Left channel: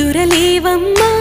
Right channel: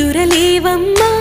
నిదురలేవమ్మా